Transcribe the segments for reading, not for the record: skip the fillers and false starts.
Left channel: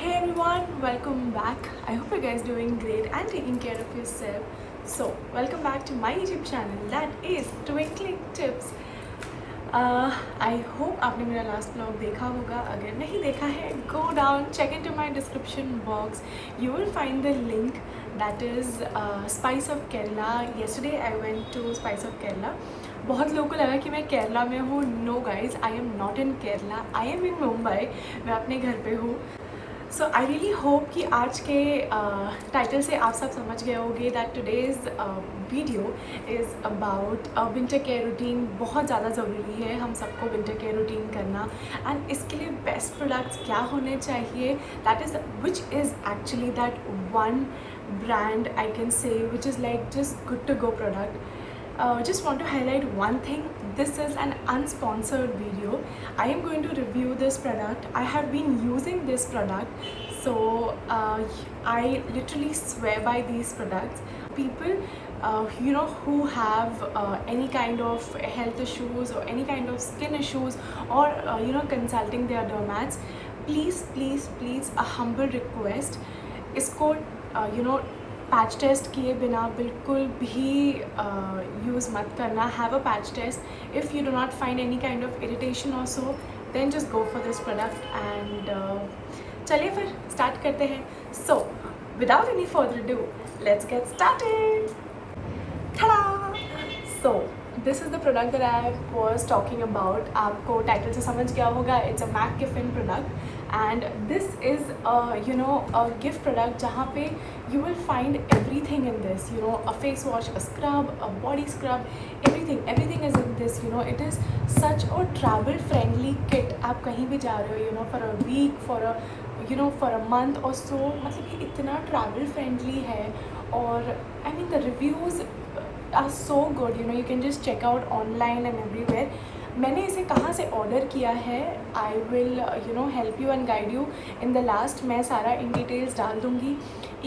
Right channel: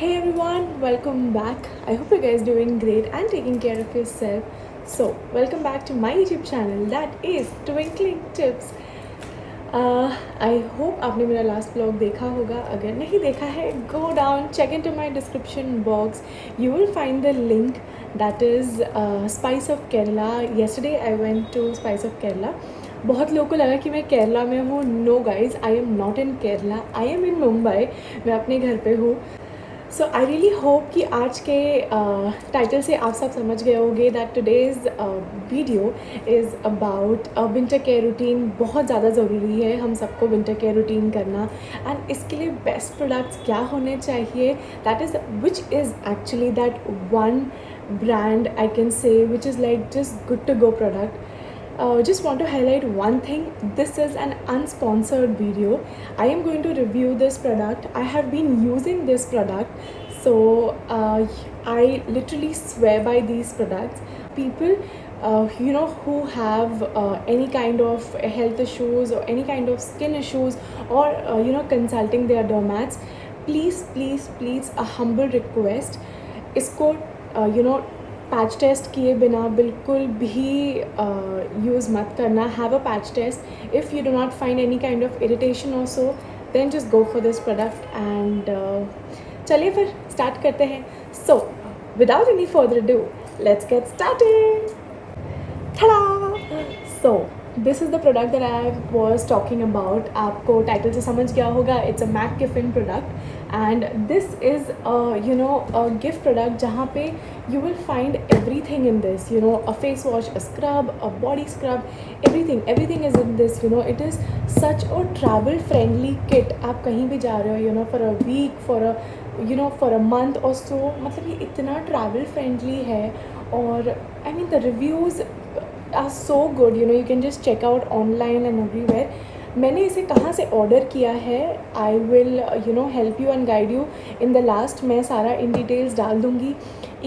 Hey everyone, welcome back. I hope you guys doing great and taking care of yourself. So, welcome back to my YouTube channel that is Twinkling Tips. I hope आपने मेरा last blog देखा होगा. अगर नहीं देखा है, go down, check into my description box. You will find the link that is Spice of Kerala. Yesterday I went to Spice of Kerala. बहुत लोगों को लगा कि मैं केरला में हूँ. No guys, I am not in Kerala, I am in Mumbai. मैं अपने घर पे हूँ. सो आई रियली होप कि आज के टाइटल से आप सब समझ गए होंगे that today's video is about winter care routine. बहुत ज़्यादा ज़रूरी है हम सबको विंटर केयर रूटीन करना. एंड इसके लिए बेस्ट प्रोडक्ट्स क्या होने चाहिए, that is which is actually that one brand I can say which is like just good to go product. Just want to highlight one thing. This is an unsponsored video. I am going to review this product. I have been using this product, so I literally swear by these products. People who have any kind of health issues or any kind of skin issues, or consulting their dermats, please a humble request, इसको patch test किए बिना बिल्कुल भी use मत करना. Have a patch test. If you do not find any kind of irritation और so, then just go for this product. And चलिए फिर स्टार्ट करते हैं. So without any further do, let's get started. Ta-da! So this is the product that I was talking about. आपको title से समझ गया होगा. It's a MAC Giffen product and this is a gift product जहाँ पे you will find everything in this. A face wash, a scrub, a body scrub, everything is in this. It is such a travel friendly kit. आप कहीं भी जा रहे हो, for a week, for a month or so, मतलब ये इतना travel friendly है. और I mean the reviews are so good. You can just check out online and everywhere. मैंने इसे कहाँ से ऑर्डर किया है, I will help you and guide you in the last. मैं सारा इन डिटेल्स डाल दूँगी.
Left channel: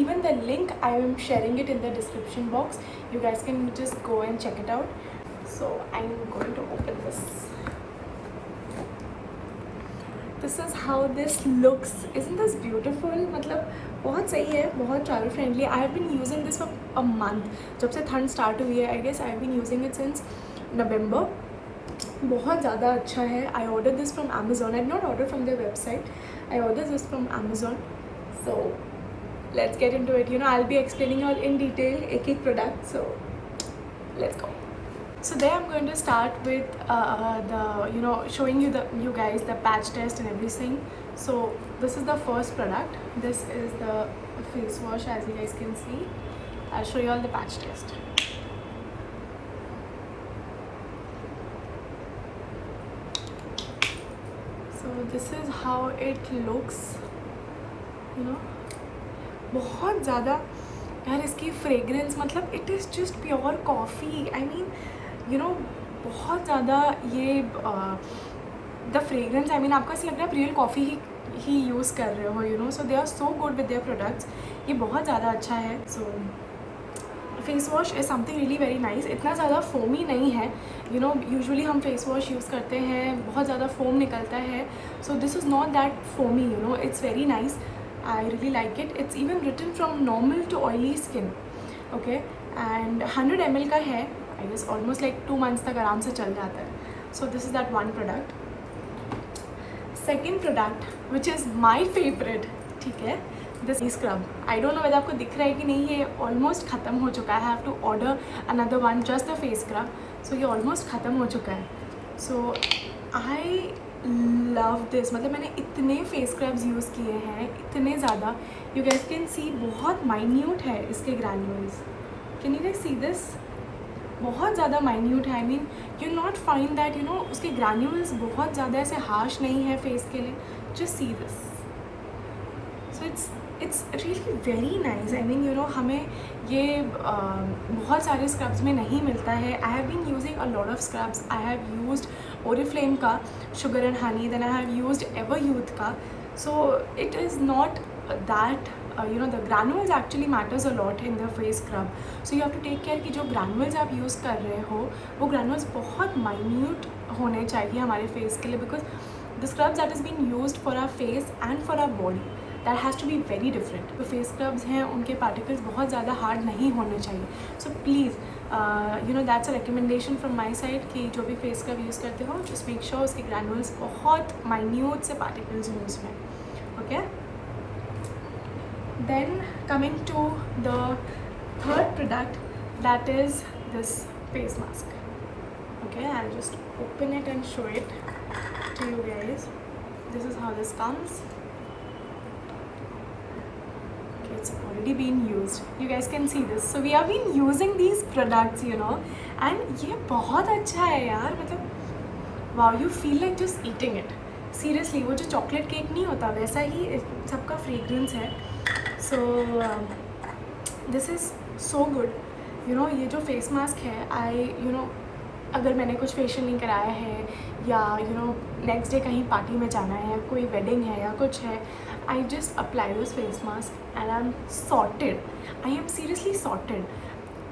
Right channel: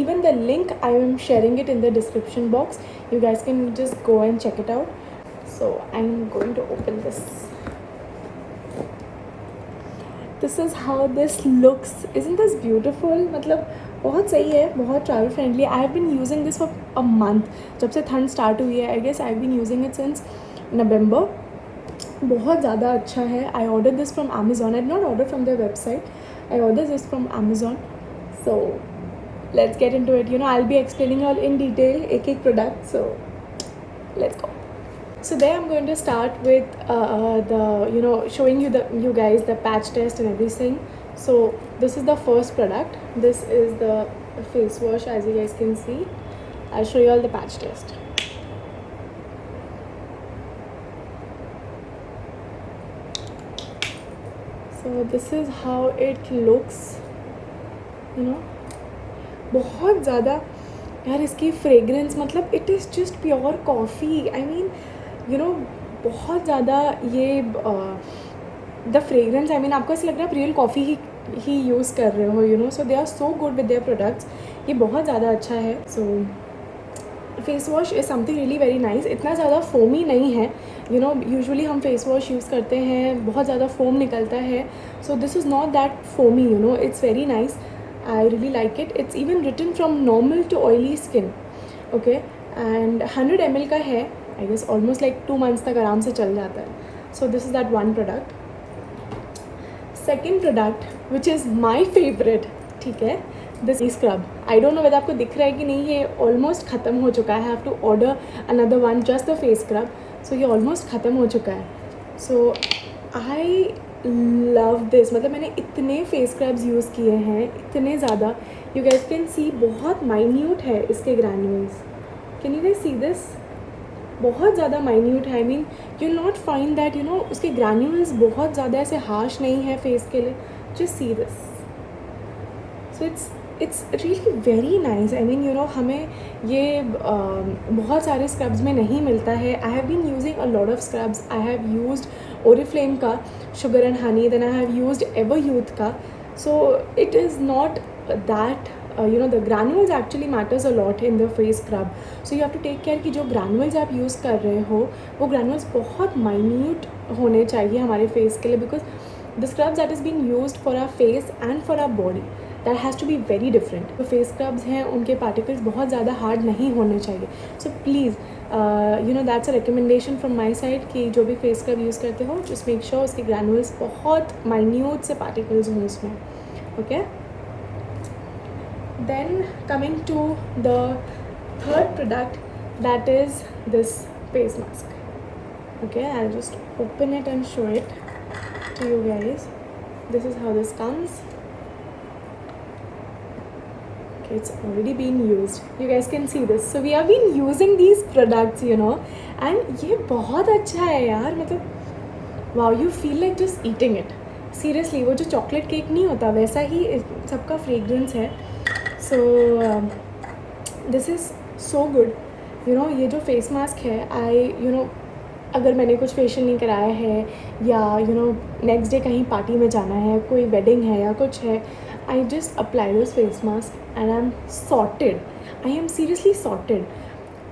Even the link I am sharing it in the description box. You guys can just go and check it out. So I am going to open this. This is how this looks. Isn't this beautiful? मतलब बहुत सही है, बहुत travel friendly. I have been using this for a month. जब से ठंड start हुई है, I guess I have been using it since November. बहुत ज़्यादा अच्छा है. I order this from Amazon. I not order from their website, I order this from Amazon. So let's get into it. I will be explaining all in detail एक product. So let's go. So there I'm going to start with showing you guys the patch test and everything. So this is the first product. This is the face wash, as you guys can see. I'll show you all the patch test. So this is how it looks. बहुत ज़्यादा यार इसकी fragrance, मतलब it is just pure coffee. I mean बहुत ज़्यादा ये the fragrance, I mean आपको ऐसा लग रहा है आप रियल कॉफ़ी ही यूज़ कर रहे हो. So they are so good with their products. ये बहुत ज़्यादा अच्छा है. So face wash is something really very nice. इतना ज़्यादा फोमी नहीं है. यूजुअली हम फेस वॉश यूज़ करते हैं, बहुत ज़्यादा फोम निकलता है. सो this is not that foamy. It's very nice. I really like it. It's even written from normal to oily skin. Okay, and 100 ml का है. I guess almost like 2 months तक आराम से चल जाता है. So this is that one product. Second product, which is my favorite, ठीक है, this scrub. I don't know whether आपको दिख रहा है कि नहीं. ये almost ख़त्म हो चुका है. I have to order another one, just the face scrub. So ये almost ख़त्म हो चुका है. So I love this. मतलब मैंने इतने फेस स्क्रब्स यूज़ किए हैं, इतने ज़्यादा. यू गाइस कैन सी बहुत माइन्यूट है इसके granules. Can you guys see this? बहुत ज़्यादा माइन्यूट है. I mean you not find that उसके ग्रैन्यूल्स बहुत ज़्यादा ऐसे हार्श नहीं है फेस के लिए. Just see this. So it's really very nice. I mean हमें ये बहुत सारे स्क्रब्स में नहीं मिलता है. I have been using a lot of scrubs. I have used Oriflame का sugar and honey, then I have used ever youth का. So it is not that the granules actually matters a lot in the face scrub. So you have to take care कि जो granules आप use कर रहे हो वो granules बहुत minute होने चाहिए हमारे face के लिए, because the scrubs that is being used for our face and for our body, that has to be very different. जो फेस स्क्रब्स हैं उनके पार्टिकल्स बहुत ज़्यादा हार्ड नहीं होने चाहिए। So please you know that's a recommendation from my side कि जो भी फेस स्क्रब यूज़ करते हो जस्ट मेक श्योर उसके ग्रैनुल्स बहुत माइन्यूट से पार्टिकल्स हों उसमें, okay. Then coming to the third product, that is this face mask, okay. I'll just open it and show it to you guys. This is how this comes. Okay, it's already been used, you guys can see this. So we have been using these products, you know, and ये बहुत अच्छा है यार, मतलब wow, you feel like just eating it. Seriously, वो जो chocolate cake नहीं होता वैसा ही सबका फ्रेग्रेंस है. So this is so good, you know. ये जो फेस मास्क है, you know, अगर मैंने कुछ फेशियल नहीं कराया है या यू नो नेक्स्ट डे कहीं पार्टी में जाना है, कोई वेडिंग है या कुछ है, I just apply this face mask and I am sorted. I am seriously sorted.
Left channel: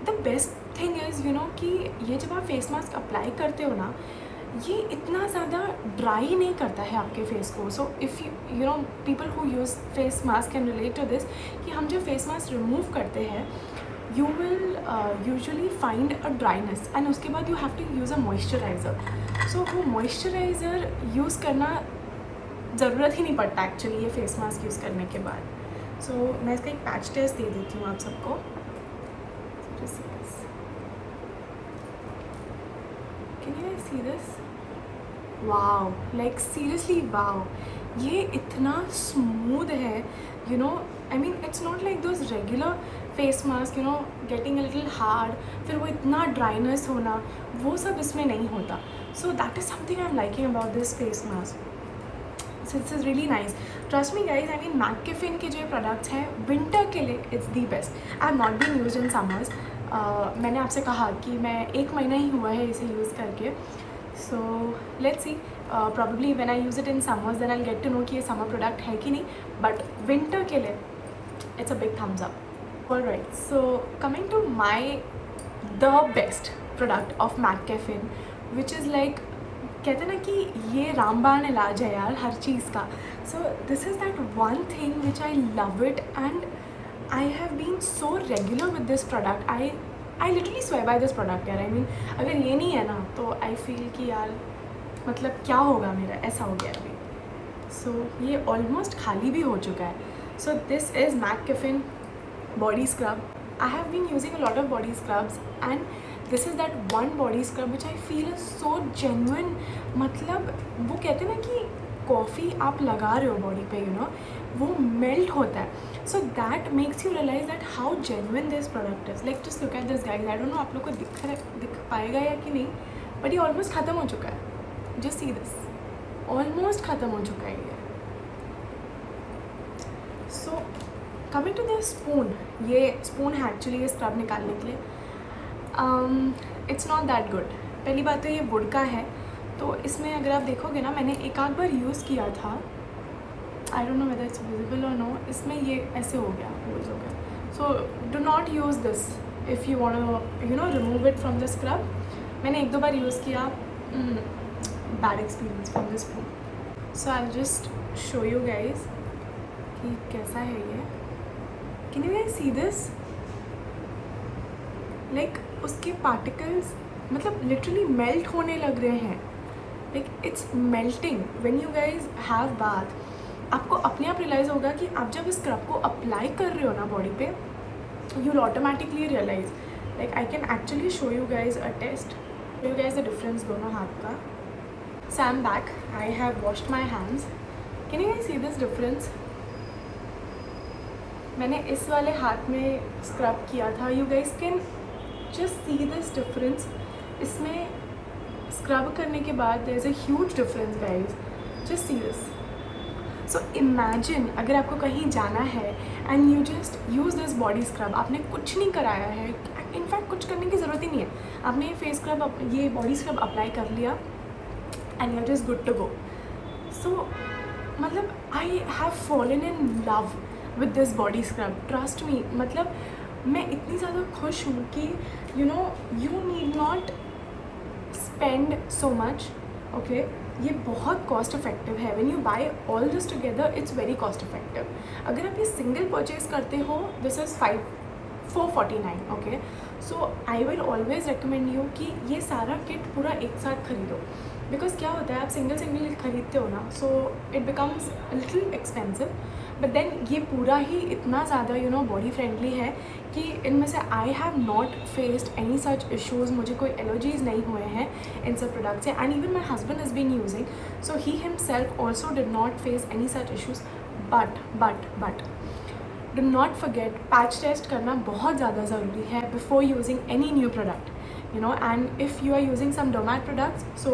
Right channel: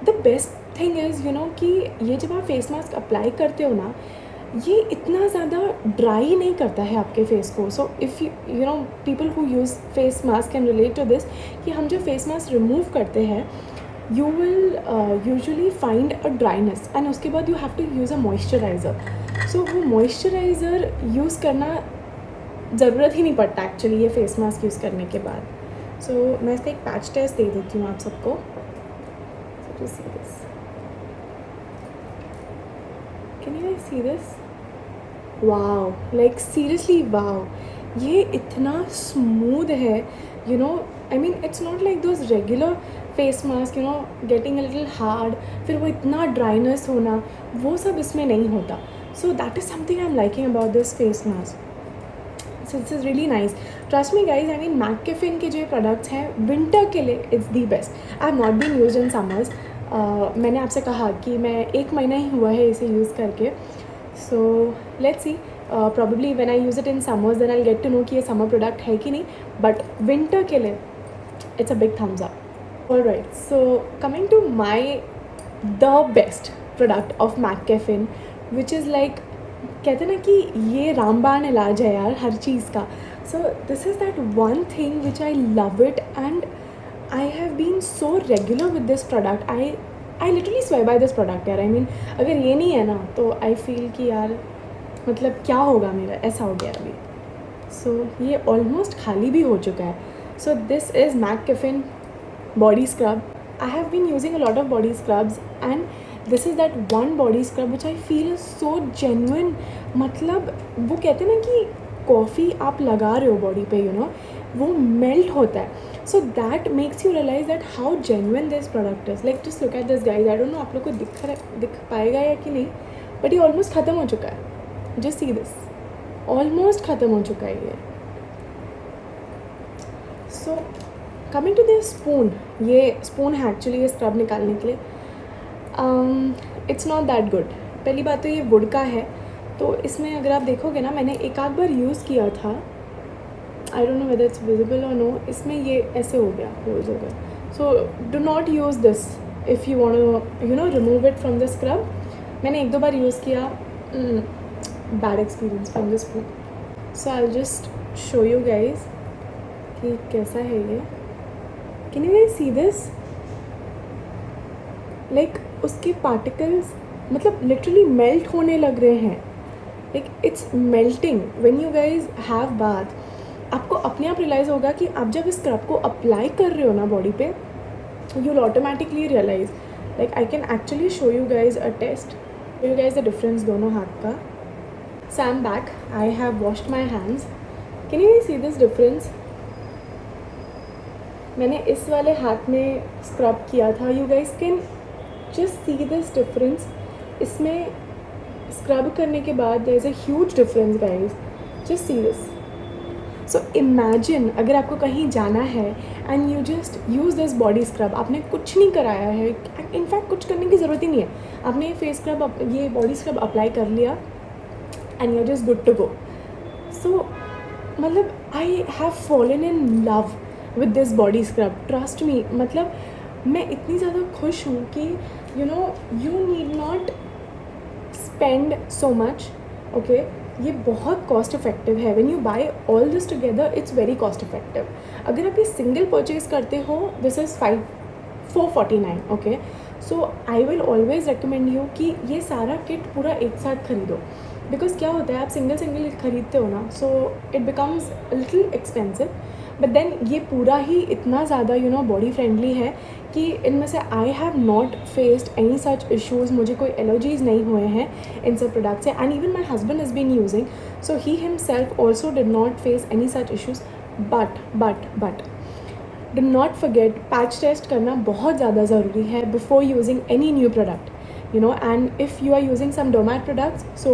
The best thing is you know कि ये जब आप फेस मास्क अप्लाई करते हो ना, ये इतना ज़्यादा ड्राई नहीं करता है आपके फेस को. So if you know people who use face mask can relate to this कि हम जब फेस मास्क रिमूव करते हैं you will usually find a dryness and उसके बाद you have to use a moisturizer. So वो moisturizer use करना ज़रूरत ही नहीं पड़ता actually ये face mask use करने के बाद. So मैं इसका एक patch test दे देती हूँ आप सबको. So just see this. Can you guys see this? Wow, like seriously wow. ये इतना smooth है, you know. I mean it's not like those regular face mask you know getting a little hard, फिर वो इतना dryness होना, वो सब इसमें नहीं होता. So that is something I am liking about this face mask. So this is really nice. Trust me guys, I mean mCaffeine के जो प्रोडक्ट्स हैं विंटर के लिए it's the best. I have not been use in summers. मैंने आपसे कहा कि मैं 1 महीना ही हुआ है इसे यूज़ करके. So let's see, probably when I use it in summers then I get to know कि ये समर प्रोडक्ट है कि नहीं, बट विंटर के लिए it's a big thumbs up. Alright, so coming to the best product of McCaffeine, which is like कहते ना कि ये रामबाण इलाज है यार हर चीज़ का. So this is that one thing which I love it and I have been so regular with this product. I literally swear by this product यार. I mean अगर ये नहीं है ना तो I feel कि यार मतलब क्या होगा मेरा, ऐसा हो गया अभी. So ये almost खाली भी हो चुका है. So this is McCaffeine body scrub. I have been using a lot of body scrubs and this is that one body scrub which I feel is so genuine. मतलब वो कहते हैं ना कि कॉफ़ी आप लगा रहे हो बॉडी पे, यू नो, वो मेल्ट होता है. So that makes you realize that how genuine this product is. Like just look at this guys. I don't know आप लोग को दिख पाएगा या कि नहीं, but ये ऑलमोस्ट ख़त्म हो चुका है. Just see this. ऑलमोस्ट ख़त्म हो चुका है ये. So coming to this spoon, ये स्पून है एक्चुअली ये स्क्रब निकालने के लिए. It's not that good. पहली बात तो ये वुड का है, तो इसमें अगर आप देखोगे ना, मैंने एक आध बार यूज़ किया था. I don't know whether it's visible और नो. इसमें ये ऐसे हो गया, होल्स हो गया. So do not use this if you want you know remove it from the scrub. मैंने 1-2 बार यूज़ किया, bad experience from the spoon. So I just show you guys कि कैसा है ये. Can you guys see this? Like उसके particles मतलब literally melt होने लग रहे हैं. Like it's melting when you guys have bath. आपको अपने आप रियलाइज़ होगा कि आप जब इस स्क्रब को अप्लाई कर रहे हो ना बॉडी पे, you will automatically realize. Like I can actually show you guys a test. Show you guys the difference दोनों हाथ का. So I'm back. I have washed my hands. Can you guys see this difference? मैंने इस वाले हाथ में scrub किया था. You guys can just see this difference. इसमें स्क्रब करने के बाद there is a huge difference guys. Just see this. So imagine अगर आपको कहीं जाना है and you just use this body scrub. आपने कुछ नहीं कराया है, इनफैक्ट कुछ करने की ज़रूरत ही नहीं है. आपने फेस स्क्रब ये बॉडी स्क्रब अप्लाई कर लिया and you are just good to go. So मतलब I have fallen in love with this body scrub. Trust me, मतलब मैं इतनी ज़्यादा खुश हूँ कि you know you need not spend so much. Okay, ये बहुत कॉस्ट इफेक्टिव है. When you buy all this together it's very cost effective. अगर आप ये सिंगल परचेज करते हो this is 449, okay. So I will always recommend you कि ये सारा किट पूरा एक साथ खरीदो, बिकॉज क्या होता है आप सिंगल सिंगल खरीदते हो ना, so it becomes little expensive, but then ये पूरा ही इतना ज़्यादा बॉडी फ्रेंडली है कि इनमें से आई have not faced any such issues. मुझे कोई एलर्जीज़ नहीं हुए हैं इन सब प्रोडक्ट से, and even my husband is been using, so he himself also did not face any such issues. But do not forget patch test करना बहुत ज़्यादा ज़रूरी है before using any new product, and if you are using some dermat products, so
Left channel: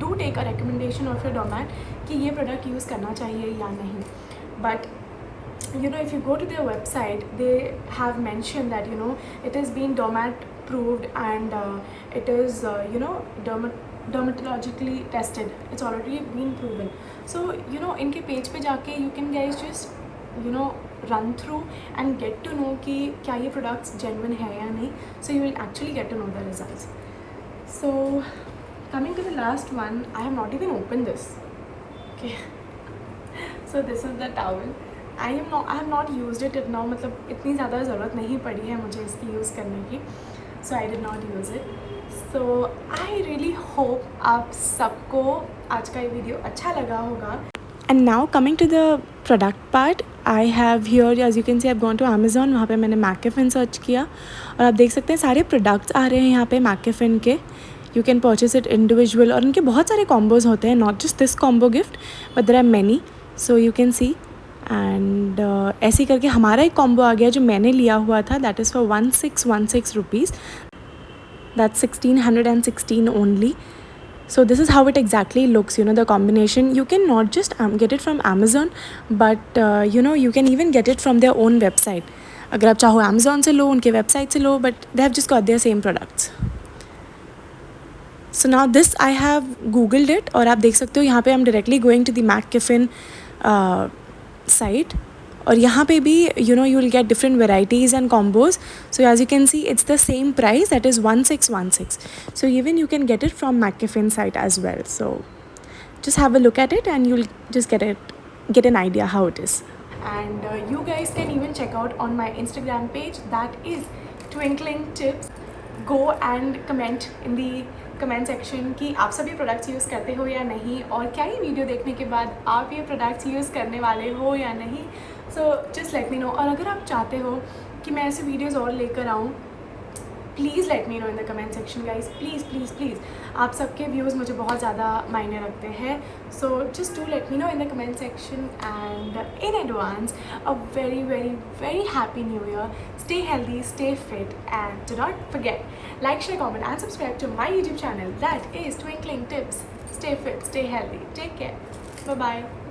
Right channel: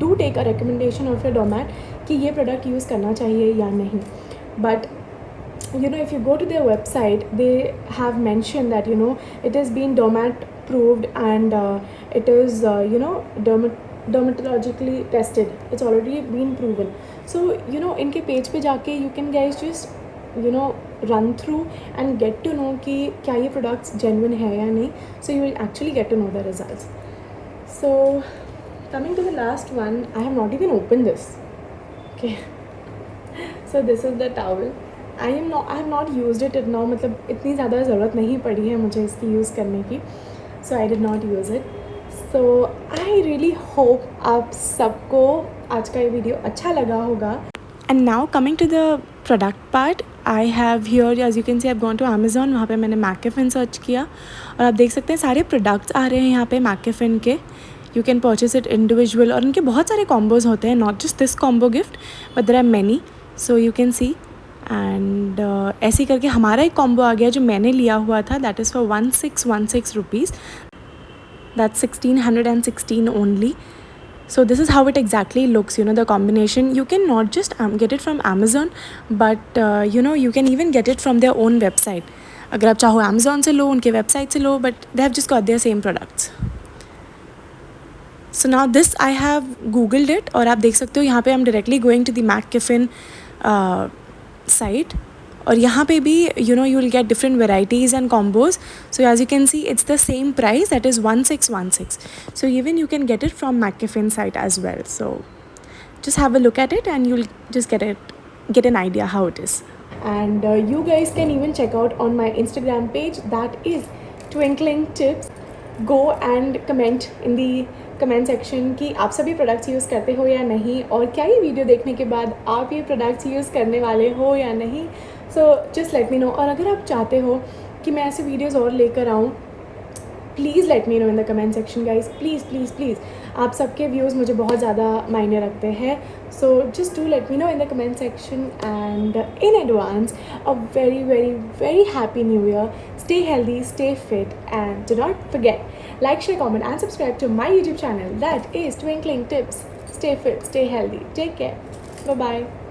do take a recommendation of your dermat कि ये product use करना चाहिए या नहीं. But if you go to their website, they have mentioned that it has been डोमैट proved and it is dermatologically tested. It's already been proven. So इनके page पे जाके you can guys just run through and get to know कि क्या ये products genuine है या नहीं. So you will actually get to know the results. So coming to the last one, I have not even opened this. Okay. So this is the towel. I have not used it now. मतलब इतनी ज़्यादा ज़रूरत नहीं पड़ी है मुझे इसकी use करने की. So I did not use it. So I really hope आप सबको आज का ये वीडियो अच्छा लगा होगा. And now coming to the product part, I have here, as you can see, I've gone to Amazon. वहाँ पे मैंने मैकेफिन सर्च किया और आप देख सकते हैं सारे प्रोडक्ट्स आ रहे हैं यहाँ पे मैकेफिन के. You can purchase it individual और उनके बहुत सारे कॉम्बोज होते हैं, not just this combo gift, but there are many. So you can see. And ऐसे करके हमारा एक कॉम्बो आ गया जो मैंने लिया हुआ था, that is for 1616 rupees. That's 1616 only. So this is how it exactly looks, the combination. You can not just get it from Amazon, but you can even get it from their own website. अगर आप चाहो Amazon से लो, उनके website से लो, but they have just got their same products. So now this I have googled it और आप देख सकते हो यहाँ पे I'm directly going to the McKiffin site. और यहाँ पे भी you will get different varieties and combos. So as you can see, it's the same price, that is 1616. So even you can get it from McKiffin site as well. So just have a look at it and you'll just get an idea how it is. And you guys can even check out on my Instagram page, that is Twinkling Tips. Go and comment in the comment section कि आप सभी products use करते हो या नहीं, और क्या ये वीडियो देखने के बाद आप ये प्रोडक्ट्स यूज़ करने वाले हो या नहीं. So just let me know. और अगर आप चाहते हो कि मैं ऐसे वीडियोज़ और लेकर आऊँ, please let me know in the comment section guys. Please please please, आप सबके व्यूज़ मुझे बहुत ज़्यादा मायने रखते हैं. So just do let me know in the comment section. And in advance a very very very happy new year. Stay healthy, stay fit, and do not forget, like, share, comment, and subscribe to my YouTube channel, that is Twinkling Tips. Stay fit, stay healthy. Take care. Bye-bye.